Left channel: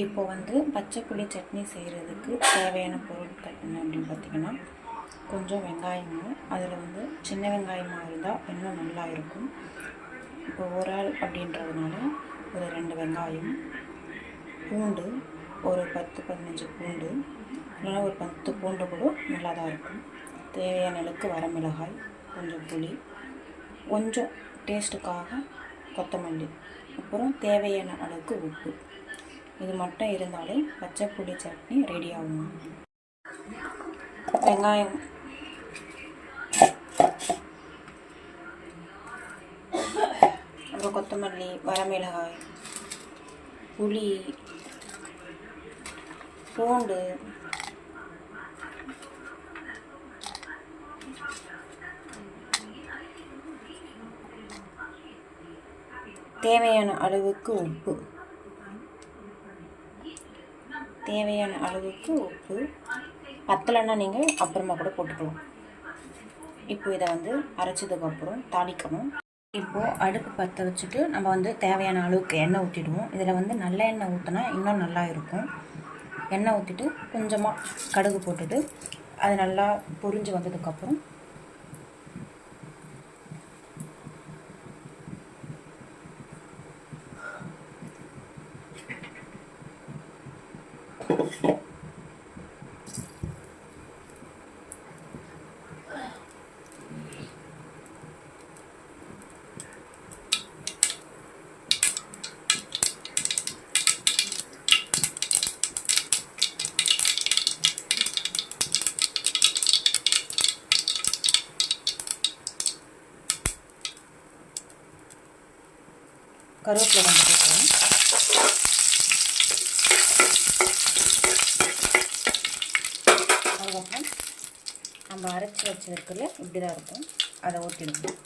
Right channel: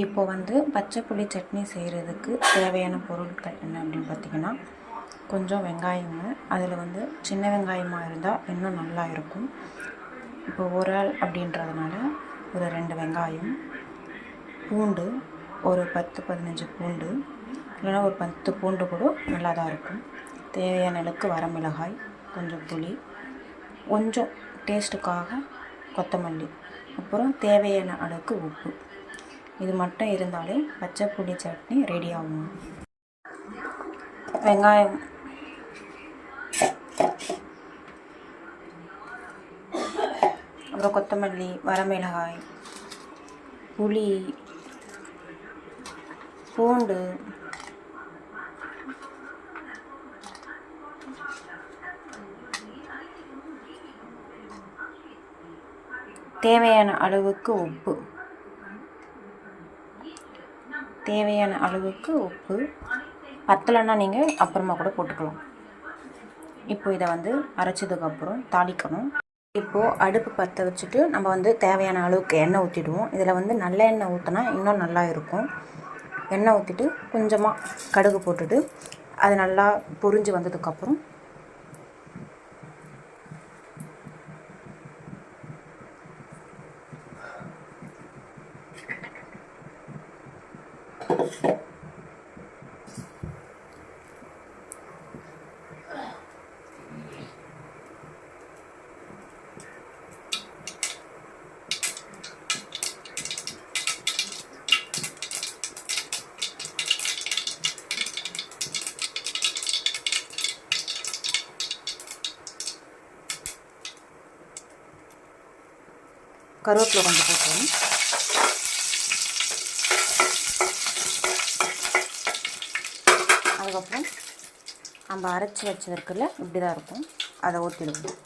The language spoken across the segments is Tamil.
இப்போ வந்து பச்சை புளி சட்னி செய்கிறதுக்கு தேவையான பொருட்கள் என்ன அப்படின்னு பார்த்திங்கன்னா, கொஞ்சம் வெங்காயங்க. அதில் வந்து சின்ன வெங்காயமாக இருந்தால் இன்னும் நல்லா இருக்கும். இப்போ ஒரு ஆள் அப்படின்றதுனால ஒரு 2 வெங்காயம், பூண்டு ஒரு 10-15 பூண்டு, இல்லைனா ஒரு 10 பூண்டு கூட நல்லா தான் இருக்கும். தேவையான அளவுக்கு வரமிளகாய், கொஞ்சம் புளி, கொஞ்சம் டேஸ்ட்டுக்காக கொத்தமல்லி, அப்புறம் தேவையான அளவுக்கு உப்பு. இது மட்டும் இருந்தாலே பச்சை புளி சட்னி ரெடி ஆகும். வெங்காயம், அப்புறம் கொத்தமல்லி, வரமிளகாய், புளி, பூண்டு, தேவையான அளவுக்கு உப்பு, பத்தலைன்னா நீங்கள் அப்புறமா கூட போட்டுக்கலாம். இப்போ இதை வந்து அரைச்சதுக்கப்புறம் தாளிக்கணும். இப்போது அடுப்பு பற்ற வச்சுட்டு நம்ம வந்து தேவையான அளவுக்கு எண்ணெய் ஊற்றிடுவோம். இதில் வந்து நல்ல எண்ணெய் ஊற்றினா இன்னும் நல்லா இருக்கும். எண்ணெய் ஊற்றிட்டு கொஞ்சமாக கடுகு போட்டுட்டு அது நல்லா பொரிஞ்சு வந்ததுக்கப்புறம் கருவேப்பிலை கொஞ்சம் போட்டுருவோம். அதுக்கப்புறம் நம்ம அரைச்சி வச்சதுக்குள்ள இப்படி தான் இருக்கும், அதை ஊற்றிடுவோம்.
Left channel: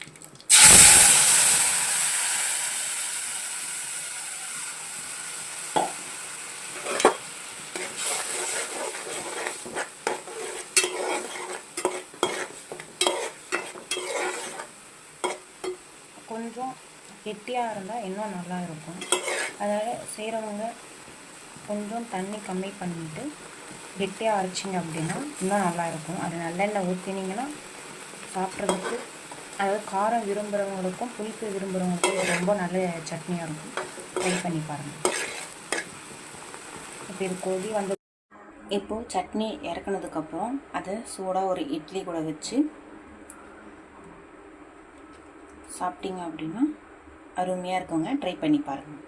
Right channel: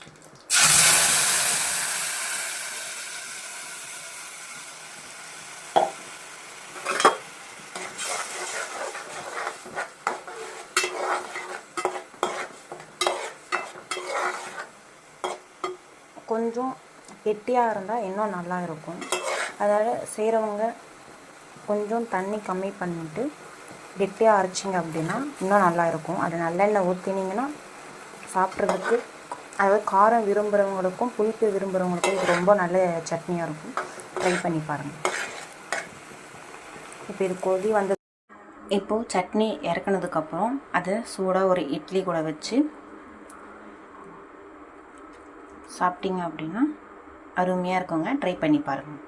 கொஞ்சம் கெட்டியாக இருந்தால் இன்னும் நல்லா இருக்கும். அதனால் செய்கிறவங்க கொஞ்சம் தண்ணி கம்மி பண்ணிவிட்டு கெட்டியாக அரைச்சிங்க அப்படின்னா இன்னும் நல்லா இருக்கும். அது நல்லெண்ணெய் ஊற்றினீங்கன்னா சாப்பிட்றதுக்கு, அதாவது காரம் விரும்புகிறவங்களுக்கும் புளிப்பு விரும்புகிறவங்களுக்கும் இது ரொம்ப நல்ல சட்னியாக இருக்கும். ட்ரை பண்ணி பாருங்கள். இப்போ இது கொதி வந்து இப்போது சட்னி இறக்குனதுக்கப்புறம் அதை சூடாக ஒரு இட்லி கூட வச்சு சாப்பிட்டீங்க அப்படின்னா அருமையாக இருக்குங்க. ட்ரை பண்ணி பாருங்கள்.